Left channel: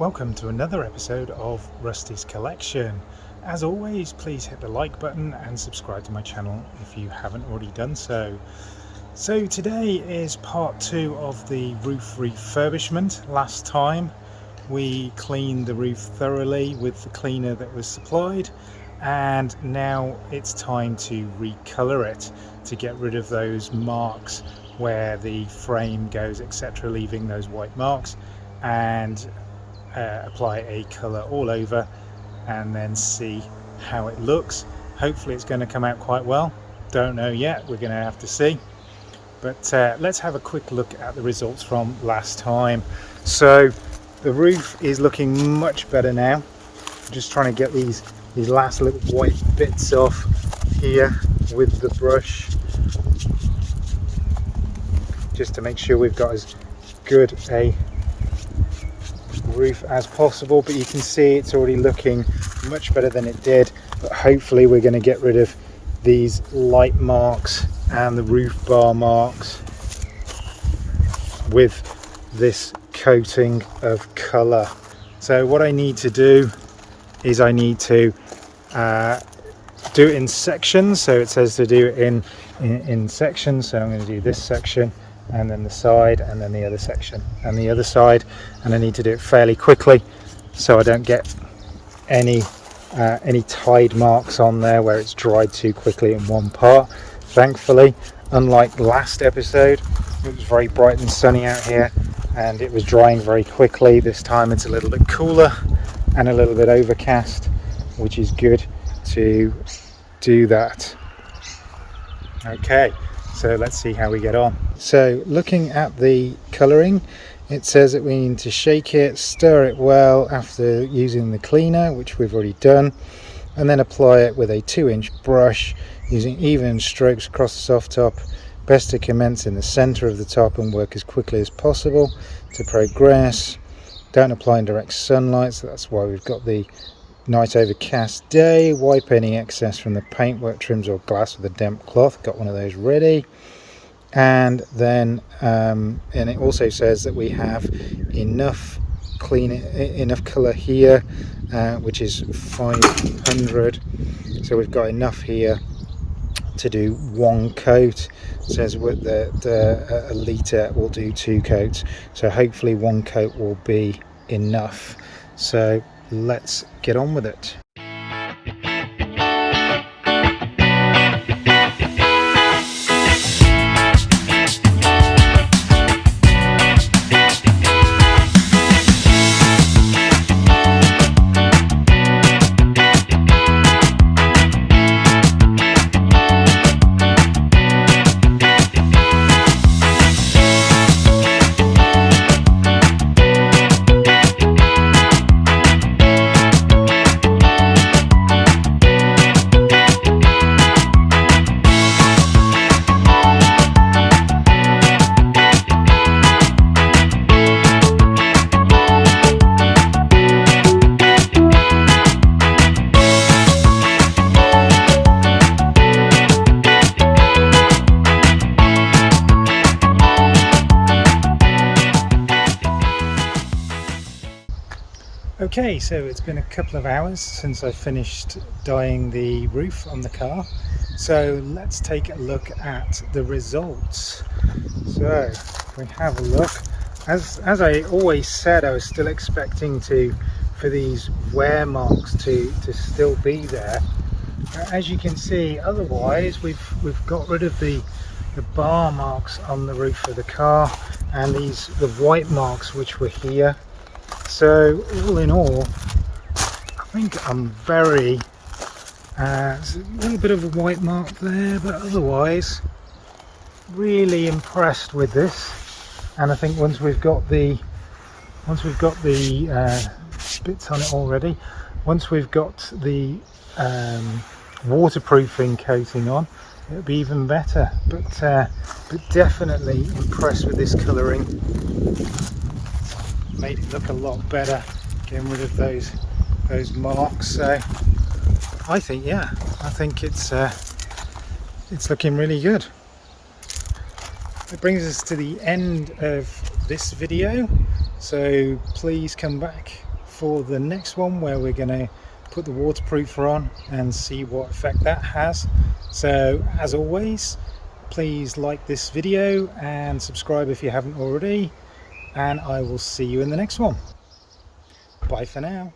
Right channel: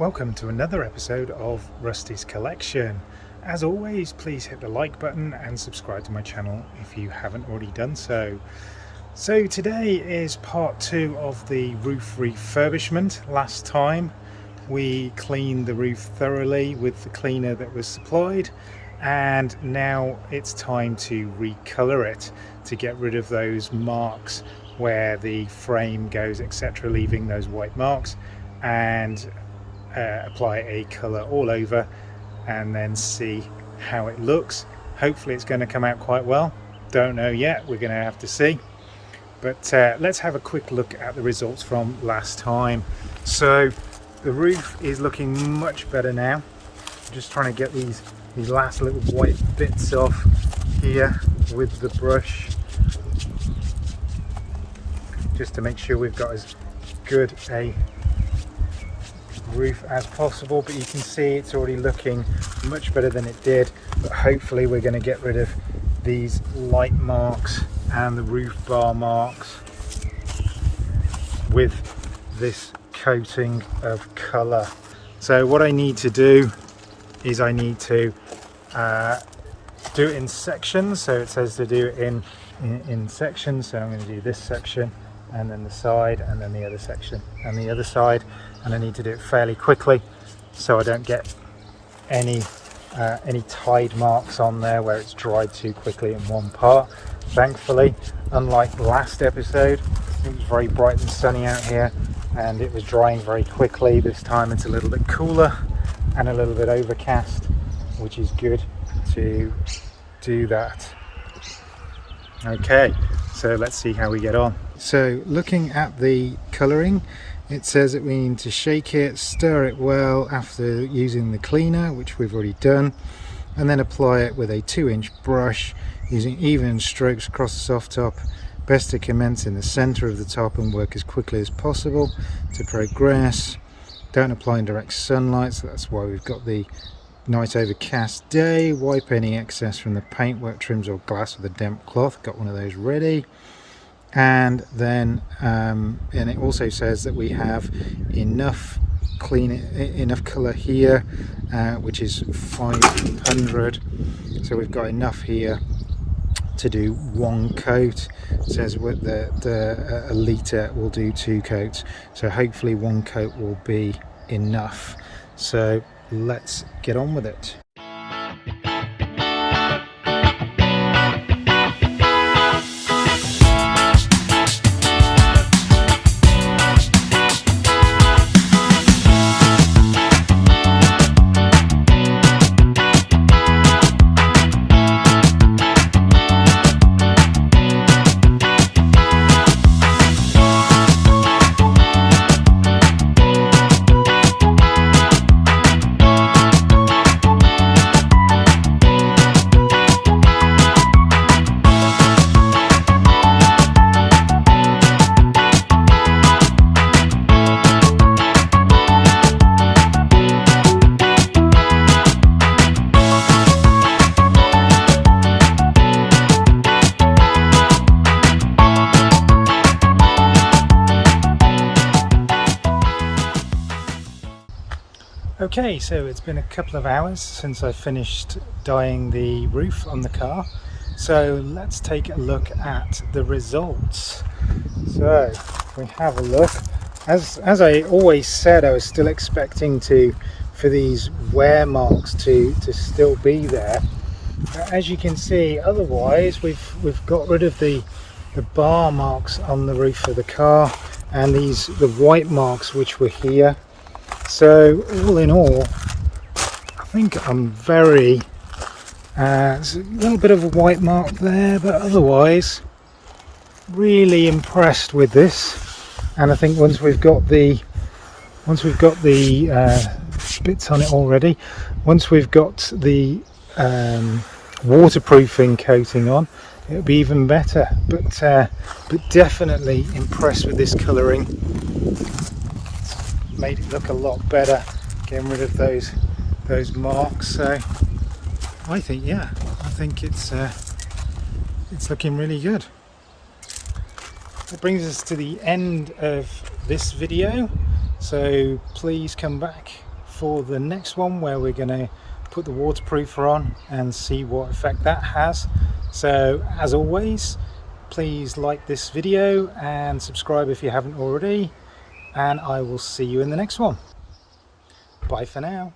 Welcome to another episode of Rusty's Collection. As always, please hit the like button and subscribe to my channel if you haven't already done so. So today is part 2 of the roof refurbishment. Last time we cleaned the roof thoroughly with the cleaner that was supplied, and now it's time to recolor it to get rid of those marks where the frame goes, etc., leaving those white marks, and apply a color all over and then see how it looks. Hopefully it's going to come out quite well. Don't know yet, we're going to have to see. But let's have a quick look at the results from last time. So the roof is looking much better now. I'm just trying to get these last little white bits off here with the brush, just to make sure we've got as good a roof as possible. But you can see it's already looking much better than it did. But hopefully we're going to get rid of these light marks and the roof bar marks with this coating of colour. So what I need to do is I need to do it in sections. So it says to do it in sections, so I'm going to do this section and then the side and then the other section and the other side, and I need to do it fairly quickly so I don't get any tide marks on there where it's dried too quickly in one part. Thankfully, unlike last episode, it was very bright and sunny out here and it was drying very quickly. This time it's a little bit cooler and a little bit overcast, which is good to do that. Okay, so let's see how we get on. So looking at the colouring, it says that we need to shake it, stir it well after using the cleaner, which we've already done, and then apply it with a 2-inch brush using even strokes across the soft top. Best to commence in the centre of the top and work as quickly as possible to progress. Don't apply in direct sunlight, so that's why we've got the night overcast day. Wipe any excess from the paintwork, trims or glass with a damp cloth. Got one of those ready. And then and it also says that we have enough colour here, which is 500, so we've got enough here to do 1 coat. It says with a litre will do 2 coats, so hopefully 1 coat will be enough. So let's get on with it. Okay, so it's been a couple of hours since I finished dyeing the roof on the car, so let's take a look at the results. So if we have a look, as I always said, I was still expecting for these wear marks to still be there. As you can see, otherwise we've got rid of the bar marks on the roof of the car and the white marks which were here. So all in all, I think I'm very there's a little bit of a white mark there, but otherwise really impressed with this. And I think once we've got the bits on it already, once we've got the waterproofing coating on, it'll be even better. But definitely impressed with this colouring. Made it look a lot better, getting rid of those marks. So I think it's looking really good. That brings us to the end of this video, so please come back for the next one, where we're going to put the waterproofer on and see what effect that has. So as always, please like this video and subscribe if you haven't already, and I will see you in the next one. Bye for now.